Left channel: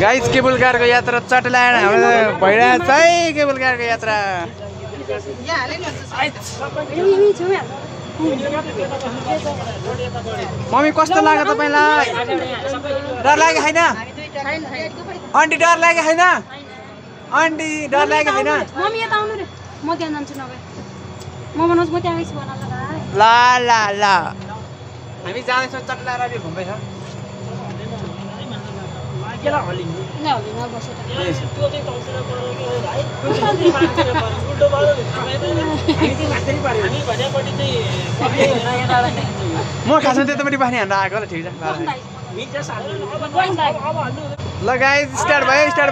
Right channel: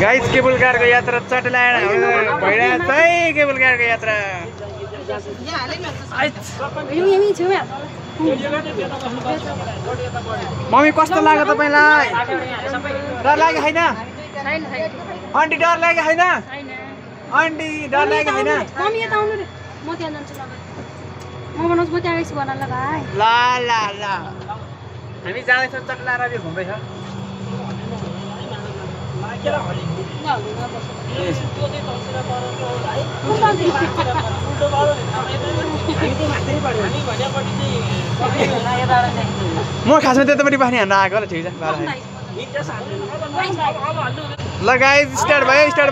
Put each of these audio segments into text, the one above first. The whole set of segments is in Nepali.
गाइस केबल कारको यात्रा चटलाड भइरहेछ है केबल कारको यात्रा मम्मी कस्तो लाग्यो तपाईलाई डर लाग्यो हैन आन्टी डर लाग्यो हैन आन्टी डर लाग्यो हैन मम्मी यता आउनु रे म त्यहाँ जान्छु नभए म भन्नुस् म त्यहाँ आइस भन्न ल भाइ ला ला ला हामी जाँदैछौँ चटलाड रे घुम्दै छ केला हलिङ न हलिङमा बसेर ए त्यो चाहिँ तल्सेर परेको भाइ उल्टो पऱ्यो हामी चाहिँ माथि पर्यो नि भनेपछि चाहिँ म खासमा त्यतापट्टि पानी हान्न आएको ल ठिक छ ल गाइस स्टार्ट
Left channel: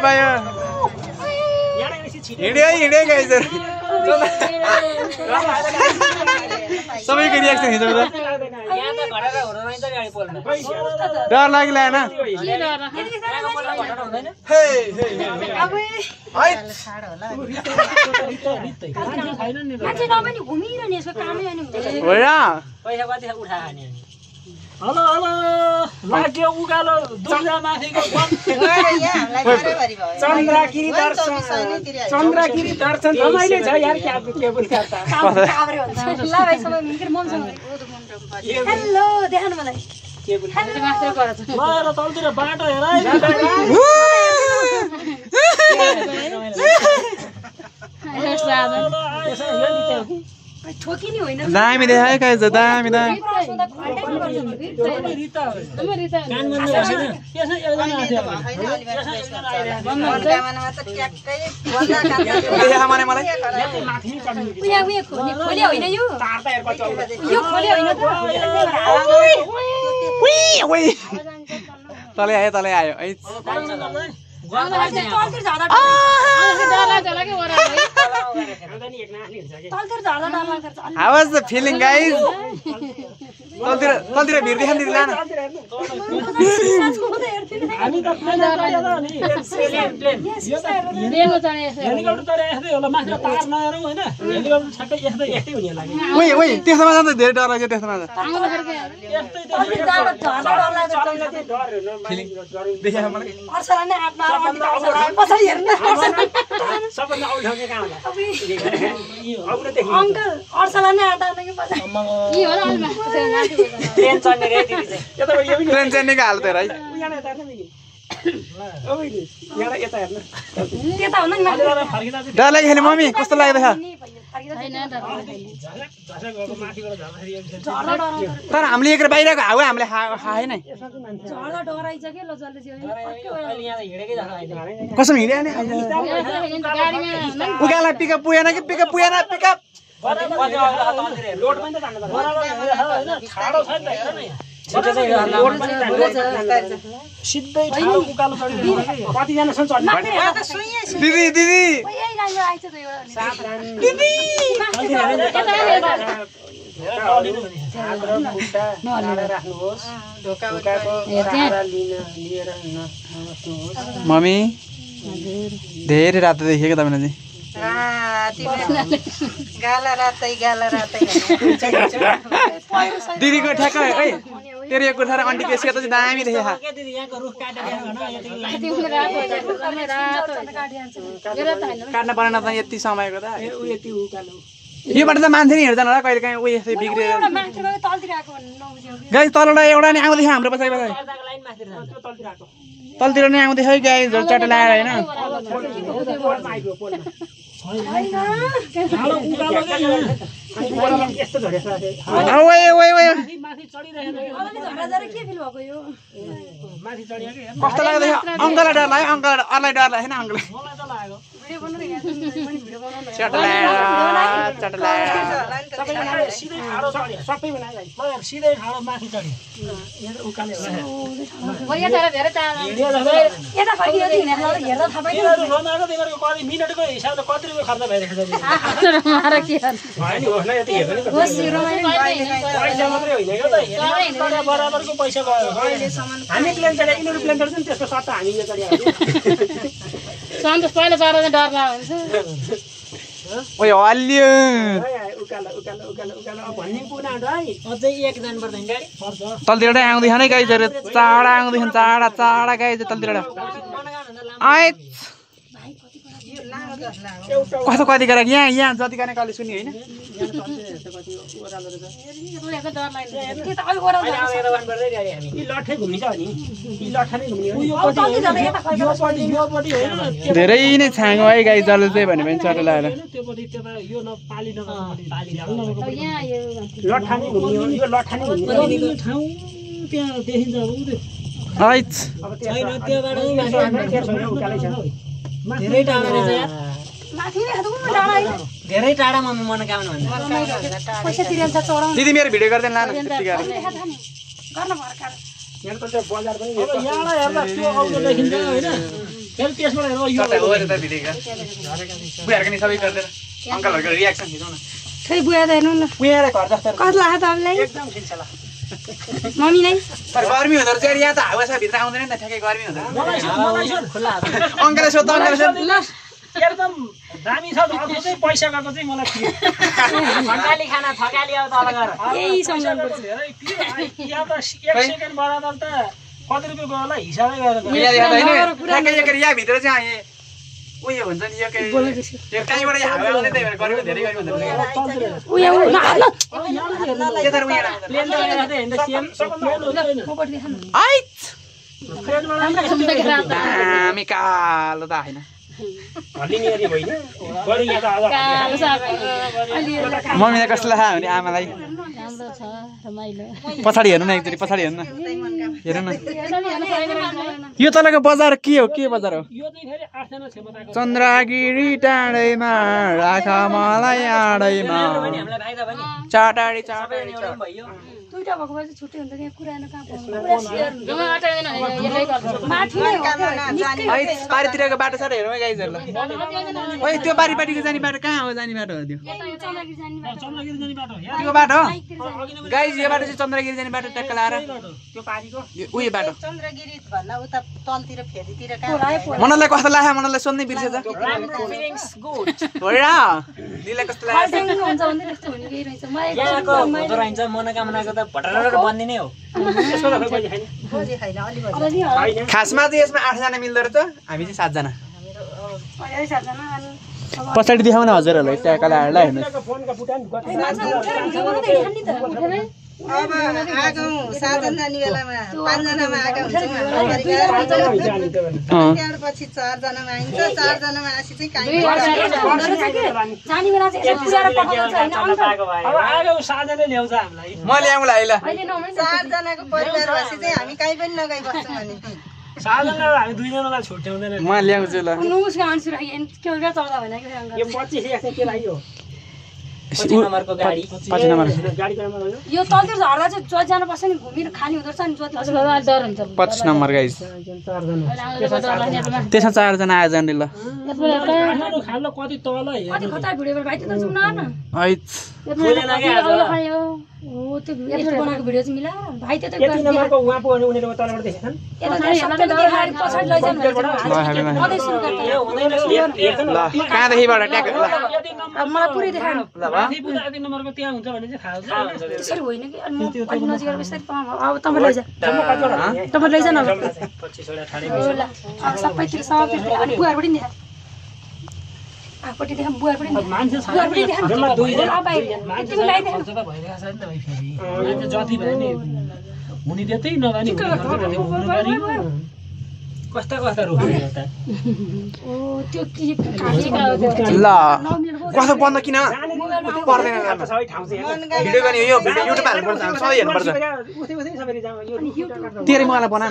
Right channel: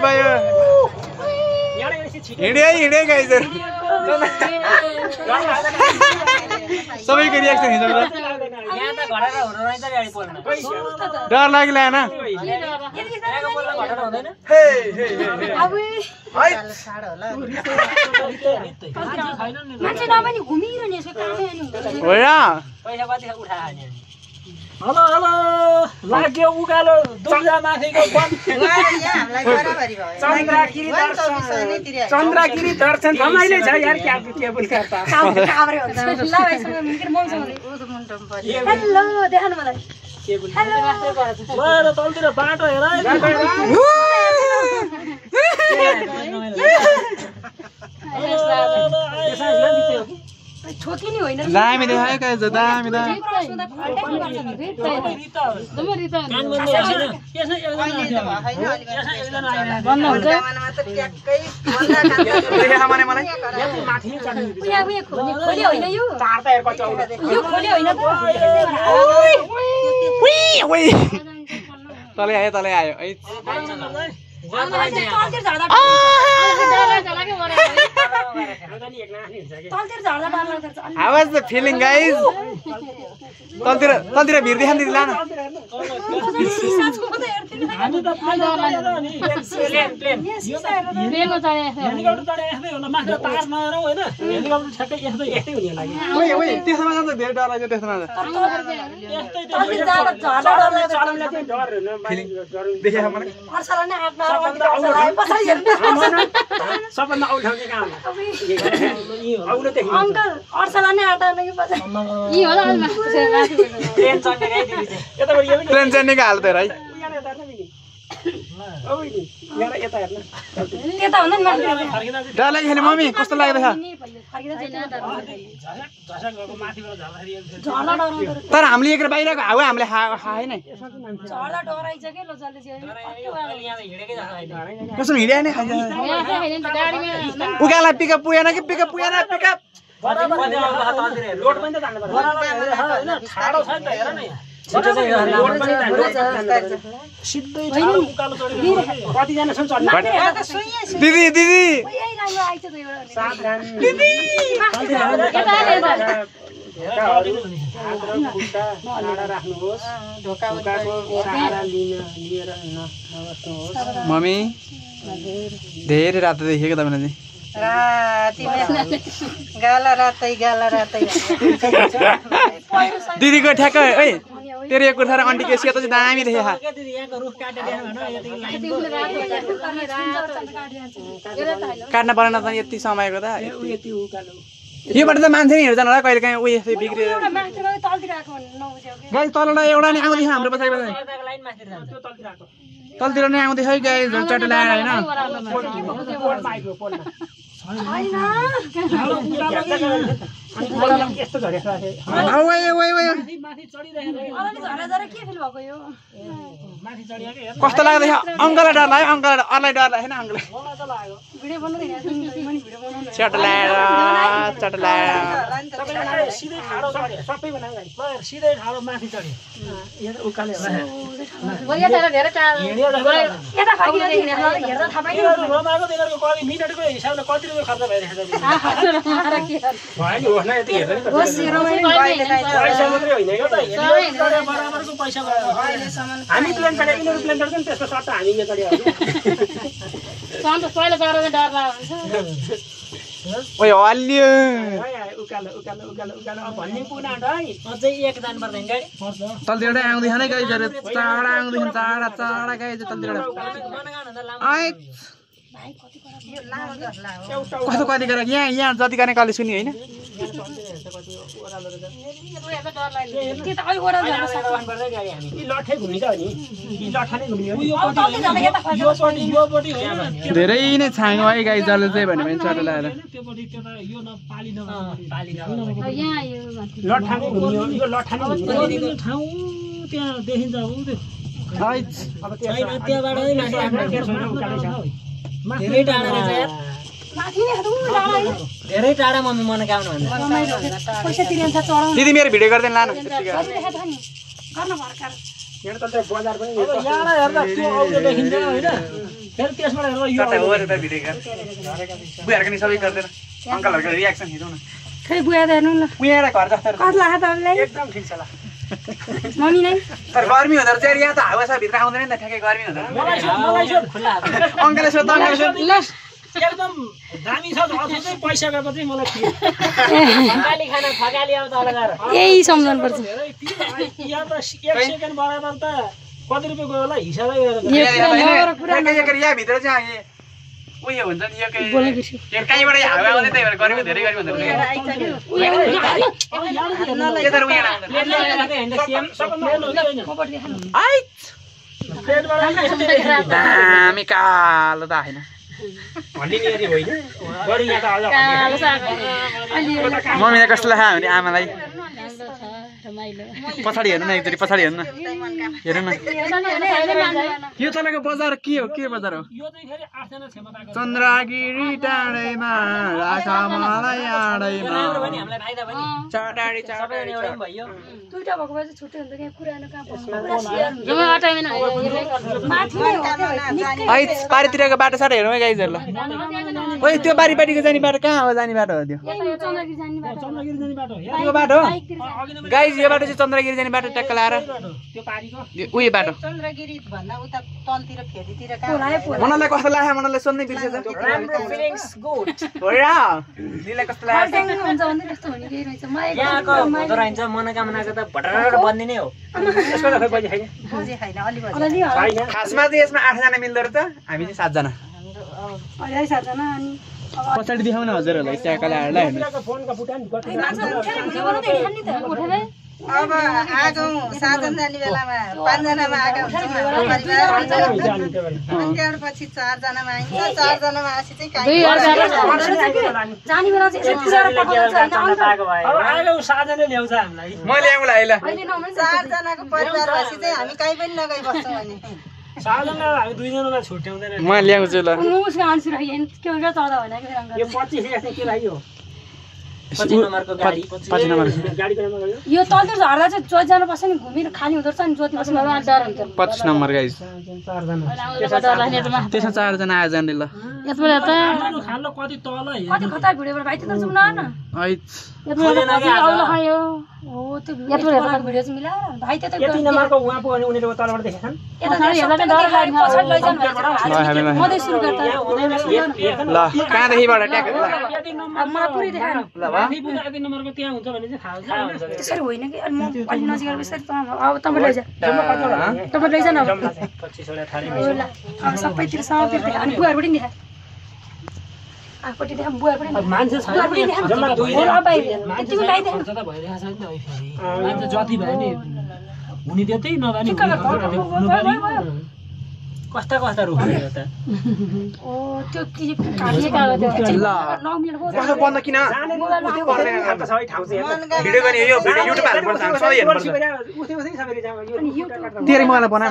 भयो हिँडे गाइसहरु सबैको रियाक्सन हेर्नु त डर लाग्ला हैन हे हे मान्छे नभनी घुमिरहने यसको कामै अनि हुँदैन हो र पैसा कति उठाए खाने हेलो लाग्यो उकालो दुर्गा माथिको चन्द्रगिरी दर्शन रमाइलो छ यार केबल कार त हेलो देखाउनु मलाई केबल कार ल तलतिर बाटो हेर ठोकिनी होइन दामी देखायो गाइस दामी तलै आयो How was the feeling, guys? तलतिर भिड देखाउनु दिला न हामी त हेलिकप्टर त यस्तै होला माथि तार नहराउ हैन हेलिकप्टर ठ्याक्कै यस्तै हुने लाग्यो ओइ त्यसमा जान्छ धेरै डर लाग्यो त्यसमा जान्छ फिलिङ देखायो मलाई अर्सलाले आत्मा र अनि अर्सलाले पछाडी हेर्नु सबभन्दा औठाउने काम अंकल अर्सलाले आटाले के पछाडी यी होला अलमा ट्रेन चढ्ने रे दिदी चाहिँ यता यो पनि ट्रेन चढ्नेको हाल त है यहाँ यता हेर्न दिदी ओइ यहाँ यता हेर्न त्यता भन्दा नि फर्किँदा चाहिँ डर लाग्यो मम्मी कस्तो लाग्दैछ तर हामीले एक बाहिरको हावा हामीले खाए नै झर्दा डराइछ के ल जल्दी यहाँ हिँडेकै जस्तो हैन कसम हिँड्या नै खाइन्छ उकाला पिकअप पुगेन कि पिकअप लोड पनि त जानु पर्छ हैन ठाडो छ नि त हेर न छिटो चाहिँ सिधै ठाडो उकालो चढ्यो कति जना छन् चढ्ने दिदी दिदी मम्मी धेरै रात देखेको तपाईले चाहिँ गाला रातै दिदीको ठ्याक्क ओइ तेरो यो कुर्ता र आन्टीको सेतो चाहिँ दामी देखे खा यहाँको रुख काटेर भन काट्न परेन त यति समयको त योबाट त मान्छे नि हेर्दैन होला कहिले काहीँ उयो यस्तै बिग्रिएर गाइस तलबाट एउटा नि आउँदैछ हाम्रो पछाडि तलतिर नै आउँदैछ है गाइस चट्टा लगाएर हैन यस्तो झरेछ कस्तो लाग्दैछ अङ्कललाई डर लाग्यो अरूलाई डर लाग्यो हैन अङ्कललाई चट्टा सिधै ठाडो माथि चढ्यो उकाले रमाएको दिनको कति मिनेटको हिसाबले कति रुपियाँ खर्च भइरहेको छ पैसा मात्रै होइन क्या त बराबरको पैसा भयो हामी प्लेन चढ्यो यिनीहरू प्लेन चढ्छ नि त्यसको सट्टा हामी यो चढ्यो पहिला चढ्दा डर लाग्छ ओइ हल्लियो उकालो भन्ने कुरा है अझै एक जानु पर्दैन गाडी पर्छ तलतिर आउँदैछ नै गाइजहरु चाडा आउँदैछन् चाडा गाइज तलतिर कस्तो कति गरेर यहाँ जति गर्ने कले सुनि होइन धेरै नै छाङ्यो है गाई जसले चाहिँ भन्यो भने चरा लगाएर धेरै टाढा रहेछ यार धेरै टाढा मम्मी मनोकामना भन्छ पैसा तिरेन्छ चढाउनु दिदी मेरो भिडियो गर्दैन लानु गर्न भर्खर यहाँ त बजार पनि यहाँ हेर्दा त्यो आउँदो देखिन्छ हैन फेरि त्यसबाट हेर्दा यो बुहारको नि सबै गर्दैन अङ्कलहरूको रियाक्सन खिचौँ न खै बुवा त हेर्नु न उहाँलाई घर जस्तो कति लाग्छ तपाईँलाई एकदम ठिक छ ल मम्मीलाई तर गर्मी हुँदो रहेछ यहाँ त हावा छ भित्र आउँदैन नि त ठ्याक्कै गर्मी हुँदो रहेछ अङ्कलले सोध्दा एकदम दामी छ अझै चाहिँ पैसा गएको चाहिँ मलाई फकाली खाना फकाली अब तल गएर यही सम्झाउनु पर्छ यहाँ त 1 सेकेन्ड बराबर त कति रुपियाँ गयो होला हिसाबै गरेर यहाँ भित्र चाहिँ उयो हुन्छ नि यो कहीँबाट हावा आउँदै त्यही भएर गर्मी धेरै गर्मी हुँदो रहेछ दामी कालो त होइन हल्लिनेरी होइन बढी यहाँ त मम्मीलाई कस्तो लाग्यो भने आमालाई पछाडि हेर्नु न एकचोटि पछाडि हेर्नु न हेर्नु न यो तलको बजार के हो बजार हो यो चाहिँ फेरि 8 जना क्षमताको चन्द्रगिरी टाढैमा राख मलाई आडैमा चाटाडी चाटाडी भयो दुईटा भएको भए चाहिँ छुट्टै हुन्छ कि कुरा कहाँ माथि नै हो पारितिरको बाटो साटो हेरौँ है गाइजहरुलाई ओइ त्यो पारिपाटिको जाने बाटो कहाँ हो जाने बाटो हो त्यो चन्द्रगिरी जाने बाटो हो त्यो बाटो गाइज यो बाटो चाहिँ चन्द्रगिरी जाने बाटो ट्याक्क लाएर त्यो पारीको उयो बाटो चन्द्रगिरी भन्दा उता तलतिर फेदीतिर कहाँ मनलाई कस्तो लाग्यो मनलाई सोध्नै बिर्सेछ राम्रो फिलिङ्स गुड हो र दिदीलाई कस्तो लाग्यो हुन्छ भने त्यस्तो हुने केही रहेछ यहाँको हुँदो रहेछ मनोकामनाको त भटरर बन्ने नै हो त्यसको त खै पैसा छैन खोजी छैन अलि छैन खासमा चाहिँ यसमा 8 जना मिल्दो रहेछ हामी चाहिँ 7 जना पछाडि देखाउन न हजुरहरूलाई त्यहाँ कलाहरूलाई हेर्नु फोनका बुटान अब आज 7 जना जाने बेलामा 5 जनामा आएको हुन्छ त्यहाँपछि 4 जनामा आइन्छ 4 जनामा आसी चाहिँ काहीँ जाने बेला चाहिँ यसो पुऱ्याएर पकाउँछ हैन अब आएको साझाले ल्याउँछ हामीलाई म ल्याउँला है ल अहिले नहुने 4 जनाको परिवार भएपछि चाहिँ हामी कहीँ पनि नगई बस्छौँ भने साझालाई हामी 2 जनालाई छुट्याउँदैन म ल्याउँछु ल उसको आन्सर आइ के गर्दा चढ्दा होइन कि फेरि यो 25 चाहिँ के लाग्यो 5 नम्बरको गाडी 5 नम्बर गाडी चलाउनु गयो यो तन्त्र झर्दा चाहिँ जोत जानुपर्छ नि घुमेर खाली हुँदो रहेछ नि जोत बस्नु डर हुन्छ 25 नम्बर गाइस 4 जना त्यसमा 4 जना आए जाने ल खानु खानु कति तल हे कति खतरा भिडियो भाइ त जुम न हैट हो त्यो बनाएको भिडियो चाहिँ मिला भाइ त यति नम्बरको उहाँ पुग्ने उनीहरुको तलबाट देखेछन् यता पछाडि लैजानु मधे सुरु गर्दा ल कहाँदेखिबाट ट्याक ल मलाई पुरै देखाएन ल वा यति नम्बरको त्यहाँ हुन्छ भने चाहिँ थाहा हुन्छ त्यसरी होइन कि अनि म अलि नजिक बिस्तारै अब तपाईँ लैजा तपाईँ लैजा न अब 25 वटा थरी हो ल अब सबैतिर सबतिर अनि बुहार पनि देखा आफूटी देखा बुहार पनि मान्छे बुहार पनि देखा जम्मा 2 जना अब बाहिर तिमी बाहिर देख्नु त भइरहेछ नि त फेरि मान्छे जति भयो नि हुने त्यतै नगानी कस्ता रुखहरू त ओ त्यो के काटेका हो त्यो ल कस्तो बन्द किन पर्दैन सबै ठाउँ चाहिँ भिडियो गर्ने यो भिडियो युट्युब हाल्नु पर्छ हामी सबै हेर्नु पर्छ उस्तै सबैले जाम यो तेरै मलाई बना न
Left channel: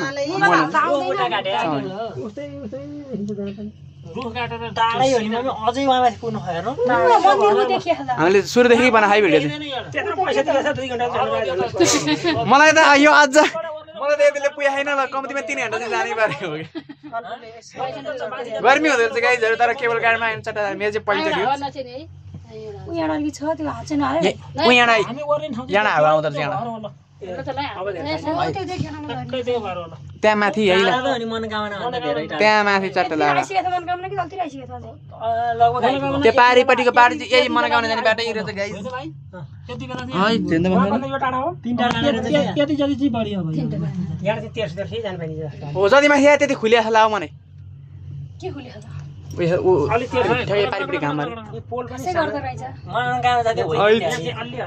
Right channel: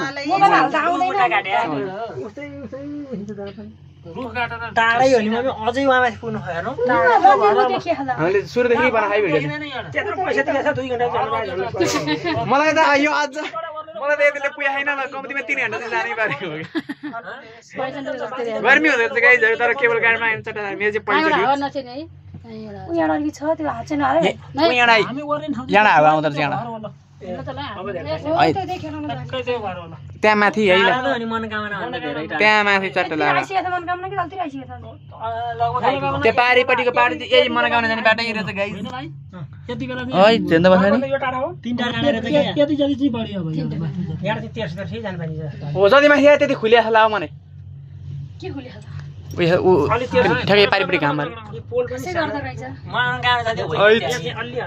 उस्तै हिँड्छ जान पनि रुख काटेर टाढै हो नि मम्मी अझै उहाँलाई पुग्नु हेर्नु मन्दिरको देखिए होला हामीले सुरुदेखि बनाए भिडियो चाहिँ त्यत्रो पैसा तिरेछ 2 घण्टा मलाई त यो आज मलाई त यतिले पुगेन ल कम्तीमा 3 घण्टा चाहिँ जानै पर्यो गर्मी हुँदो रहेछ गाइजहरु तर केबल कारमा आइन्छ त मेरो चाहिँ पैसा दियो उहाँ अलिक छ त्यो हात चाहिँ नआयो यहाँ हावा आउँदो रहेछ यहाँ त्यहाँ माथि है ल अनि मनोकामना भन्दा धेरै त्यहाँ माथि चट्ट लगाएर आइसकेको छ मनकामना कि जल्दी आइसकेको छ त्यो पारिपट्टिको पारि चाहिँ यही मनोकामना जाने बाटो रहेछ गाइज यति बेला है झेन्दा बस्छ नि यो टाढा हो 3 टाढा यति जति चाहिँ बढी अब यहाँ चाहिँ 13 जानु पाइन्छ हो जति माथि आयो त्यति खुलिया छ लाउ मने के खुले होला ठ्याक्कै पारिपरि घामहरु कसै गर्दा रहेछ मन गाउँ जाँदै हो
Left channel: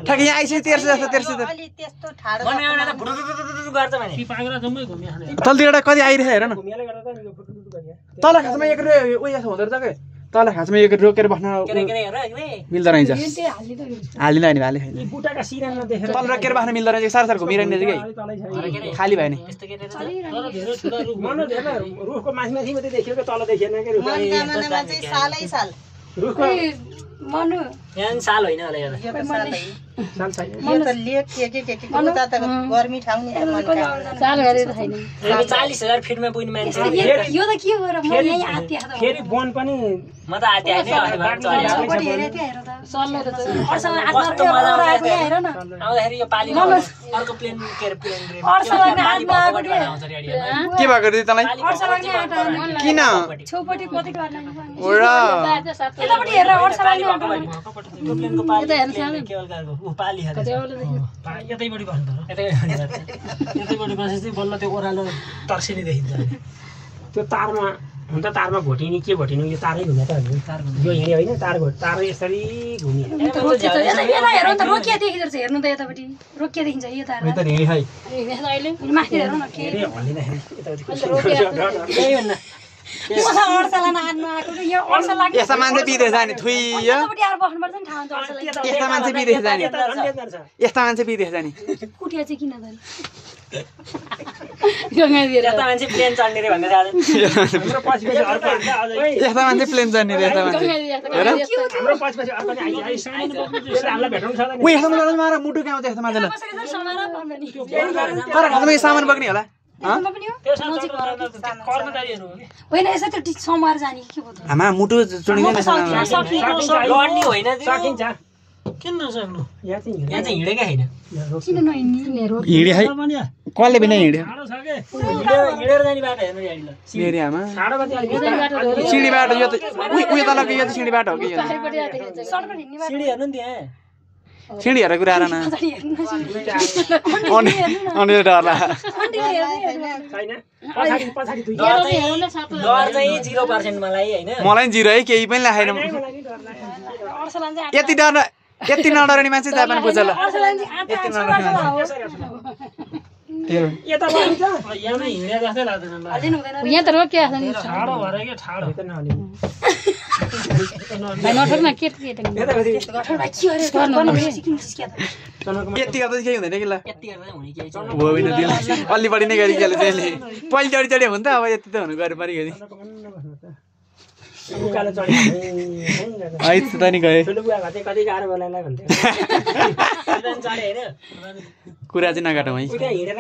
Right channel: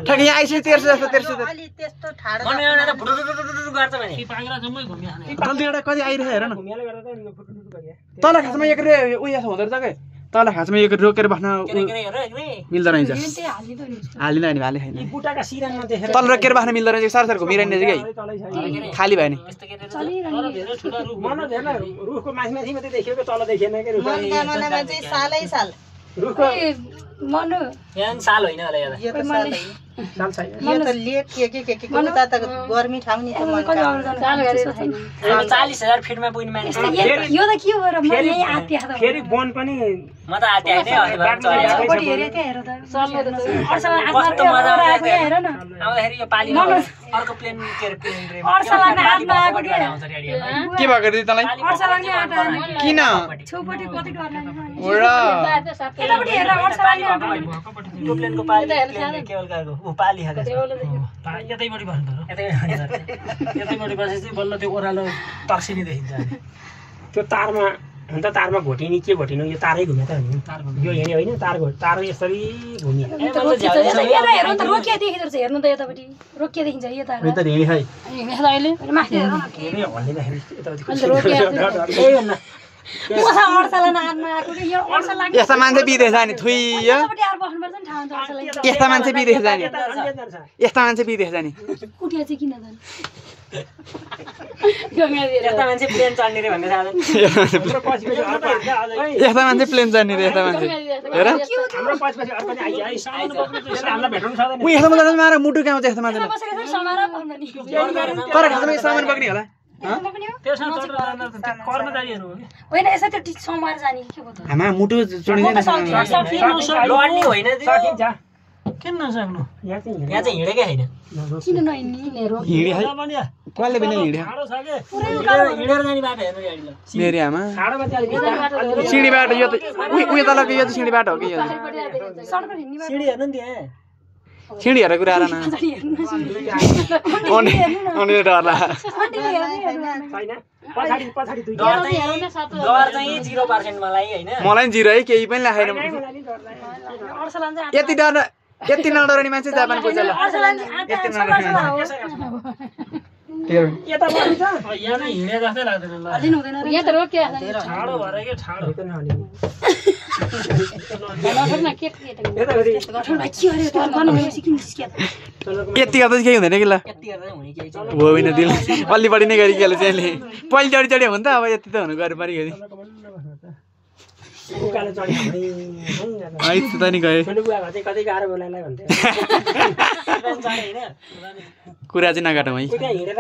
ठ्याक्कै यहाँ आइसक्यो 13 जस्तो अलि त्यस्तो ठाडो मन गाउँ त भुडुडुडुडु गर्छ भने पागरा जम्मै घुमिया तलतिर कति आइरहेछ हेर न घुमियाले गर्दा त फुटुटु गरिया तल खासमा एक उयो छ हुँदो रहेछ के तल खासमा एक रोकेर बस्न मिल्दो रहेछ हालिन नि भाले छैन यी बुटाका सिरानमा देखेर तल रोकेर बस्न मिल्दो रहेछ सार घुमिरहने रहेछ कि खाली भयो नि मन हेर्न रुखको माथि माथि मात्रै देखियो के तल देखिएन के रुख मनकामनामा चाहिँ सालै साल रुखको मनु यहाँ साल होइन होला यहाँ यो त साल साल छैन यो त लेक के उता त गर्मी ठाउँ नि त मनकामना साल हेरेर छैन 40,000 फिटमा पुग्ने मान्छे यो त के हो र म यही आत्या त फेरि वन पनि म त आते हैन छोपडी हेरे त्यहाँ हेर त सल्ले त अर्सल कस्तो मजा आउँछ हेर न आउँदाखेरि यो पाली अर्को प्लेन के प्लेन अर्सल लाग्ने हातमा आएको के भएको दिदी तँलाई अर्सल लाग्ने आटा किन छोपडी कति गर्ने ओरा यतापट्टि हेर अर्सल लाग्ने आटा यो प्लेनको पाली केवल गएको उ पाली हाले यतैबाट बस्नु यतैबाट बसेपछि बल्ल त्यो ओह्रालो तर्सिनी देखिन्छ त्यो तारमा हुन त तारमा घोटिनी के घोटिनु यो तारै घुम्या त यो हेर्यो होइन तार यसरी घुम्यो यता हेर त रोकिया देखिदो रहेछ हेर्नु त यतापट्टि रोकिया देखिन्छ यता यो त रेडी है माथि हेर न के त्यही भन्न यस्ता मान्छे बिदेश जाने थुइ यस्ता मान्छे बिदेश जाने यस्ता मान्छे बिदेश जाने कुटिया चाहिँ किन जाने यता मान्छे प्लेन चढ्ने रे भनेर आज यस्ता मान्छे प्लेन जाने रे यस्ता मान्छे हेर हाम्रो पछि अर्को नि आइज सानो बग्नु चाहिँ हामीलाई भेट्नु सक्दैन उ यस्तो मान्छे मारा मुटु गाउँछ यस्तो मान्छेले तर खासमा यो सामान बग्ने होला त्यो सानो कर्मचारीहरू हो होइन यसो त्यो समाएर जाने के हो त हामा मुटु चुडिन्छ लड्ने होइन सकिन्छ किन नसक्नु यहाँ चाहिँ हिँडेकै हैन किन नहिँड्ने रो हिँडे है कसले बिना हिँड्यो ठाडो छ के हिँडेर जाने बाटो हेर्नु गाडी ल मेरी आमा ठाडोमा चाहिँ सिँढी बाटो यो त उयो तलको यो त सिँढी बाटो हो कि यो सडकमा हिँड्ने बाटो सिडी हेर्नु नि त्यहाँ सिँढी हेरेर कुरा आएर न अनि डर लाग्यो छैन पछाडी पछाडी दुई डर चाहिँ 0% मलाई हैन मलाई नि 0 है केही पनि लागेन अर्सलान चाहिँ यति डर यति नडराउने मान्छे जापान पुग्छ ल अर्सलान चाहिँ यति नडराउने यता पनि त यहाँ नै हिँडे जस्तै लाग्दैन ल अझै हुँदैन यहाँ त रोकिया छ ठाडो भएर के ठाडो नठोक्न के यता कति के अरे बनाउनु सिकिन्छ के यति गर्दा चाहिँ केही हुँदैन कि ल यति गर्दा हुने केही छ हो होइन दिल अलि बढी नै गरी केले चाहिँ पहिले चढी हुन्छ अब यति त हुनु गरे परिगयो उकालो चढी है त नि गए ठुलो बुवा चाहिँ कति गाह्रो बोलाइलाई भन्थ्यो चढे हैन कुरा चाहिँ नकाटौँ है त्यहाँ हिँडेर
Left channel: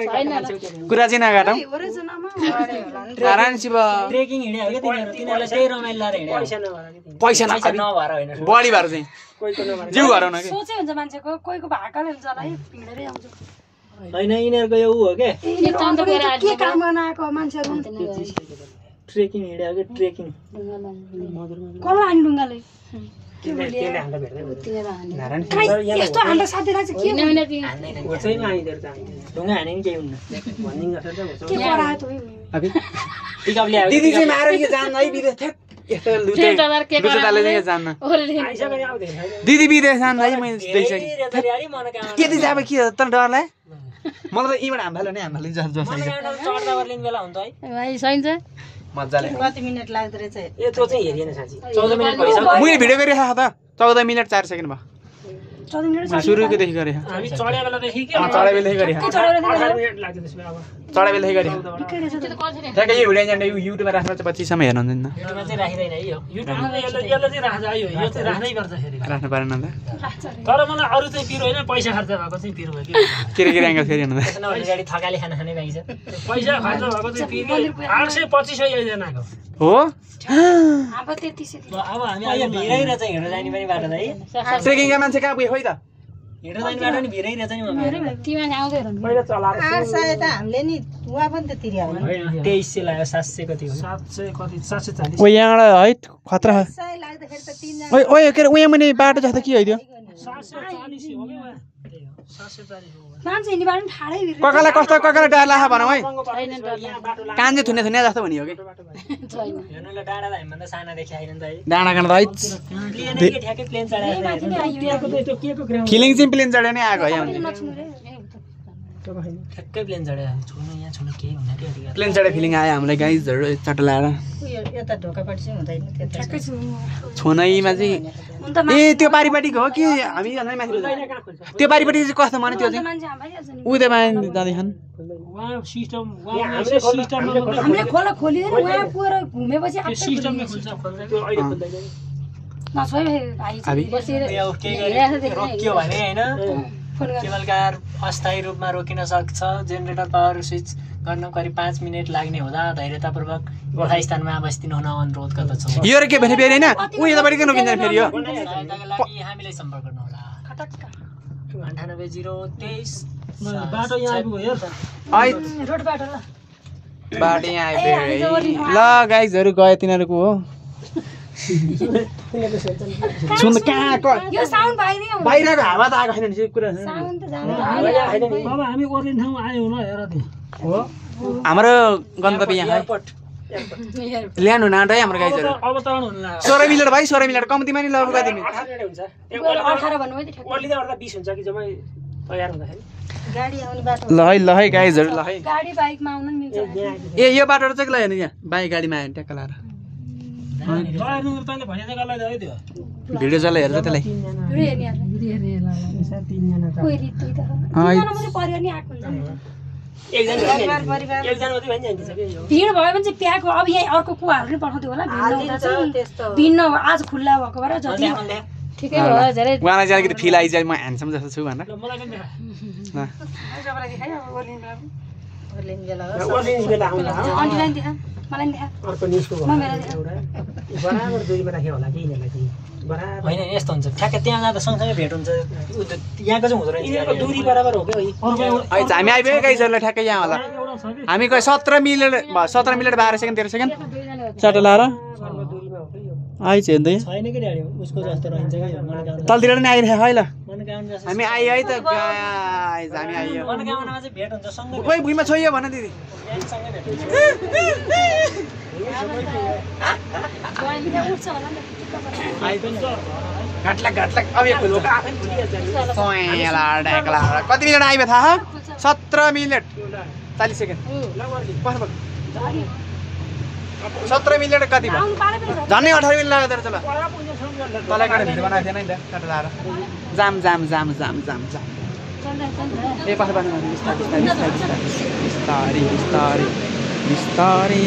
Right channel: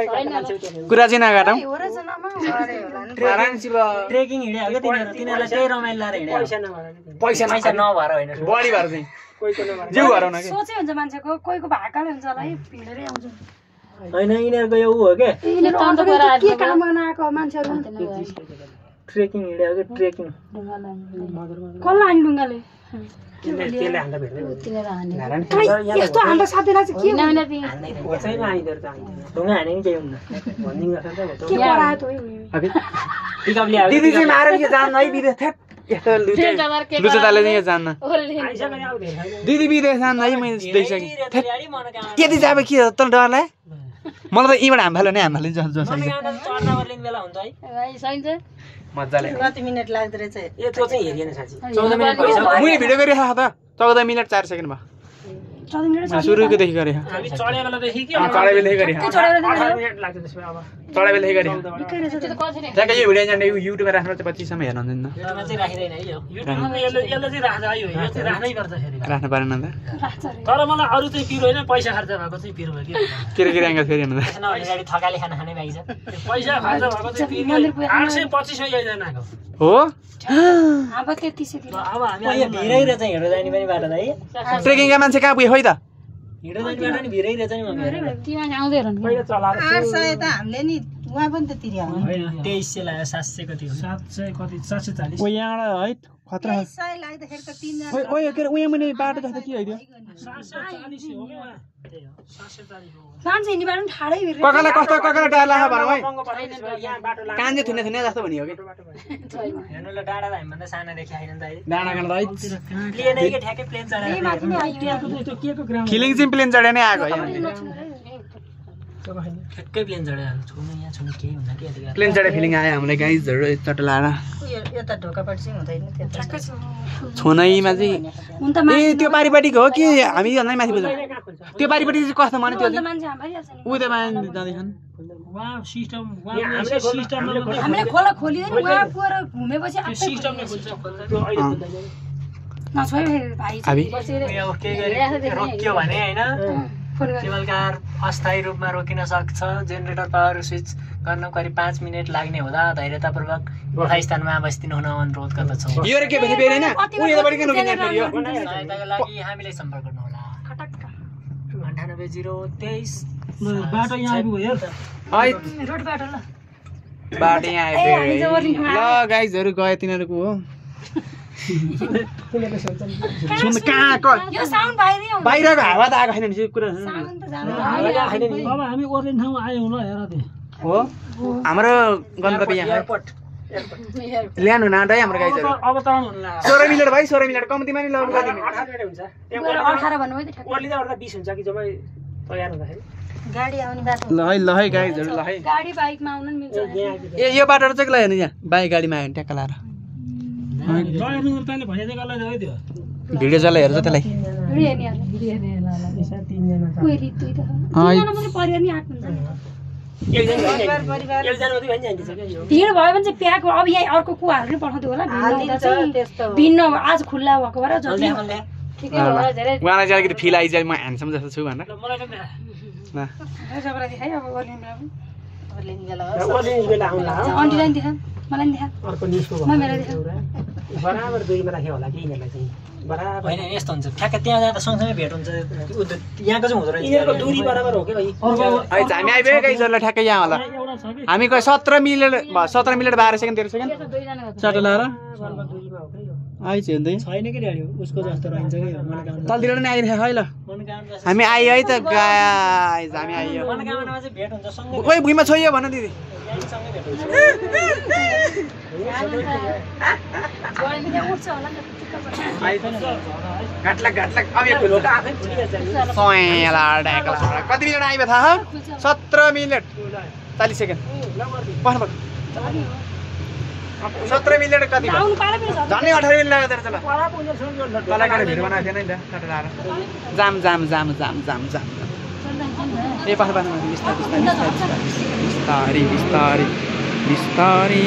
कुरा चाहिँ नकाटौँ हो रहेछ नाम आरामसित ट्रेकिङ हिँड्यो के तिनीहरुलाई त्यही रमाइलो लाएर हिँड्यो पैसा नभएर पैसा नभएर होइन बढी भएर चाहिँ जिउ हराउन कि सोचै हुन्छ मान्छेको कोहीको भाकाले हुन्छ होला है भिडेरै आउँछ हैन यिनीहरुको यो उ हो के के काम गर्न आएको मान्छेहरू ट्रेकिङ हिँड्यो के ट्रेकिङ कसलाई हान्ने ढुङ्गाले त्यसले हान्दा भेट्दै यस्तो हान्दा साथीलाई चाहिँ के होचैमा आइदिएर त आइदिएर ढुङ्गा हाने नि केही हुन्न भनिदिनु गर्छ त के करायो त पिकअप ल्यायो दिदी चाहिँ मारेर के जान्न है विदेश थ्याक यस्तो लुचेताले चाहिँ जान्न आइसक्यो नि आउँदैन दिदी विदेश जान्न है मैले देखिसकेँ यति चाहिँ अब के हो त डरलाई मलाई त यहीँबाट हाम्फालो नै हाम्फालो जस जस आइज चढ्दा वर्लिन बेला हुन्छ है भाइ सहिन्छ मजाले कति मिनट लाग्दो रहेछ ए त्यो चाहिँ हेरिएन साँच्ची 14 मिनेट भइसक्यो मैले भिडियो गरिरहेको त 14 मिनट 4 सेकेन्ड भयो मैले सुरुकोदेखि गरेँ हामी चढ्या बेलादेखि के चढाइ बेलदेखि गरेँ 18 मिनट लाग्थ्यो त्यसमा अब चढाइ बेलदेखि गरेँ ठ्याक्कै यो भिडियो जान्छ युट्युबमा राख्नुपर्छ पछिसम्म हेर्नु हुँदैन युट्युबमा चाहिँ राखिदैन है यो युट्युबमा यसले चाहिँ राख्छ यो चाहिँ राख्नै पर्छ फेरि राख्नु पारेन त तर मलाई अरू चाहिँ पिरो होइन पैसा खर्च भएको चाहिँ पिरो भयो कि के एङ्गल फेरि हेर्नु त त्यसमा भने गाडी थकाली खाना खाने पाइन्छ पैसा खर्च भएको चाहिँ पिरो 825 एकजनाको हो अब 33 अब हामी यो भिरैर चाहिँ हिँड्दै जाने पनि बाटो त है ट्रेकिङका मान्छे कहाँ पुग्यो खोइ त हिँड्दै जाने बाटो नि भिरैर चाहिँ मम्मी तिमी आउँदै रहनु पहिला चलाएर 800 त हामीले नि उहाँ पनि त तिर्या हो नि 2300 लाग्यो 700 कति हो 700 कति 740 ओ यहाँबाट है खतरा 100 लाग्दाखेरि त 3 जना ओए ओए के अरे उहाँ मुनि बाटो जस्तो के हैदियो 740 हो कि मान्छे हिँड्नेबाट पनि ठाडै भिरेको ककालाई कस्तो ककालाई डर लाग्छ भनौँ है यहाँ बाटो लाग्छ कान चाहिँ थुने थुने जस्तो भनियो कि हेर्नु ल डाँडा हामीभन्दा सानादेखि आइन नि त डाँडा काँडा है प्लेन कि ठ्याक्कै प्लेन चढाएको माथि नै आइयो त्यो के को ग्राउन्ड फिलिङ चाहिँ प्लेन चढे नै आएको है ठ्याक्कै प्लेन चढाएको छुनु यहाँ छुनु केही हुँदैन कि यतिखेर प्लेन चढे फिलिङ आयो हामीलाई गाइजहरू चट्ट लाएर यता ढोकापट्टि चाहिँ हुँदैन त्यता छोनैमा चाहिँ हुन त ए त्यो पारिपट्टिको हो कि हामी भन्दै माथि बुझ्यौँ त्यो पारिपट्टि चाहिँ कस्तो माने त्यो चाहिँ मान्छे हाम्रै नि उदय माने जाँदैछन् वहाँ सिस्टम हामीले हामीले खोला खोलियो नि उहाँ पुएर घुमेपछि त्यो सिस्टमले खोल्छ त्यो अहिले खोल्दैन नछोइ भाइ अभी बसेर यो केही रोकियो भने होइन फोन गर केबल कार अस्थायी रूपमा रोकिन सक्छ जेनेरेटर पावर स्विच गर्न करिब 5 मिनेट लाग्ने हुँदा धैर्यतापूर्वक यथास्थानमा अवस्थित हुन अनुरोध गर्दछौँ यो र के भने फेरि होइन उ यतापट्टि किन रोकिन्छ फेरि यो सहायताका लागि हामीलाई सम्पर्क गर्नुहोला 98 023 बाटो यहाँ आइपुग्यो हेर त है रोड बाटो ल बाटो यहाँ आइपुग्यो है ल गाइजहरू गयो तिनीहरूको हो सुन कहाँ यो साउन्ड बाहिरै आउँछ बाहिरको हावा त आएको छैन नि कुरा साउन्ड त जानु अब हामी ओर्लिन ठाउँमा आयौँ न हेर त हो हाम्रो गन्तव्य यहाँ है ल्यान्ड हुन आँट है हाम्रो गाइजहरू अवतरण हुन लाग्यो 16 मिनट भाइ 16 मिनट कम्तीमा नि लगेको दिने 18 मिनेट हुन्छ 18 भन्नु है ठ्याक्क ओर्लिँदा ओर्दा 20 हुन्छ कि जम्मै तयार हुँदाखेरि गाडी आउने बाटो ल है गाइजहरू ल है गाडी बाइकमा आउन नि मिल्छ ए यो बाटो चाहिँ ल हेर्नु यहाँ बाइक गाडीमा आयो भने ट्याक्क लाएर नुर तैँले भने जग्गालाई है त्यो भिडियो जसलाई हेर्छ त्यसलाई भिडियो हेर्ने तीनजना कोही रित्ति त तीनजना मात्रै परिवार नि आएको हुन्छ एकजना मात्रै भनिहाल्छ कि भिड भयो भने चाहिँ प्याक अब यहाँ अर्को कुवाहरू नि पठाउँथ्यो होला भिन्न हुँदा चाहिँ भिन्न आज खुल्ला भएको भएर जति ठिकै होला धेरै उहाँलाई चाहिँ अलिकति फिल आइज म ह्यान्डसम जस्तो छु भनेर मलाई पनि देखाए ल सबैलाई देखाइ अब ओर्लिन बेला ओर्लिने बेला ओर्लिने बेला आउँला अन्टीलाई नि देखा मलाई नि देखा अर्को निस्को म मेरो देखा बराबर दुरीमा राख्यो होला कि यिनीहरूलाई चाहिँ बराबर होइन यस्तो हुन्छ ठ्याक्कै त्यहाँ जाँदा सँगसँगै भेट हुन्छ यहाँको चाहिँ हुँदो रहेछ यिनीहरूको दूरी बराबर हो क्या अर्को है हामी आइपुग्यो गाइजहरूलाई ठ्याक्कै यहाँ होला एउटा छ कि हामी कहीँ 17 मिनट 12 सेकेन्ड 13 सेकेन्ड चट्ट लाएर सल्लो दूरीमा हो कि यो आइज हेर्दै छैन कि ड्याडी उसको जस्तो रहन्छ कि मनोकामना तलतिर नि आइरहेको है ल मनोकामना हामी आइयो है त गाइज हामी आइयो मनोकामनामा चाहिँ भेट हुन्छ सँगै ओइ भुइँमा छोइयो भन दिदी सँगै भेट हुन्छ गाडी पनि उठ्छ होला नि त घाटलाक अब यो खुल्छ सोयला ढाकला कति मिनट आइबे थाहा 17 मिनट 40 सेकेन्ड पढ्नु 17 मिनट कति भयो आउनु पाले पनि छ झन्डै 18 मिनट लाग्यो तर चल तलाई गएर भिडियो बनाएको थिएन नि त टट लाएर जाम ए पास बिस्तारै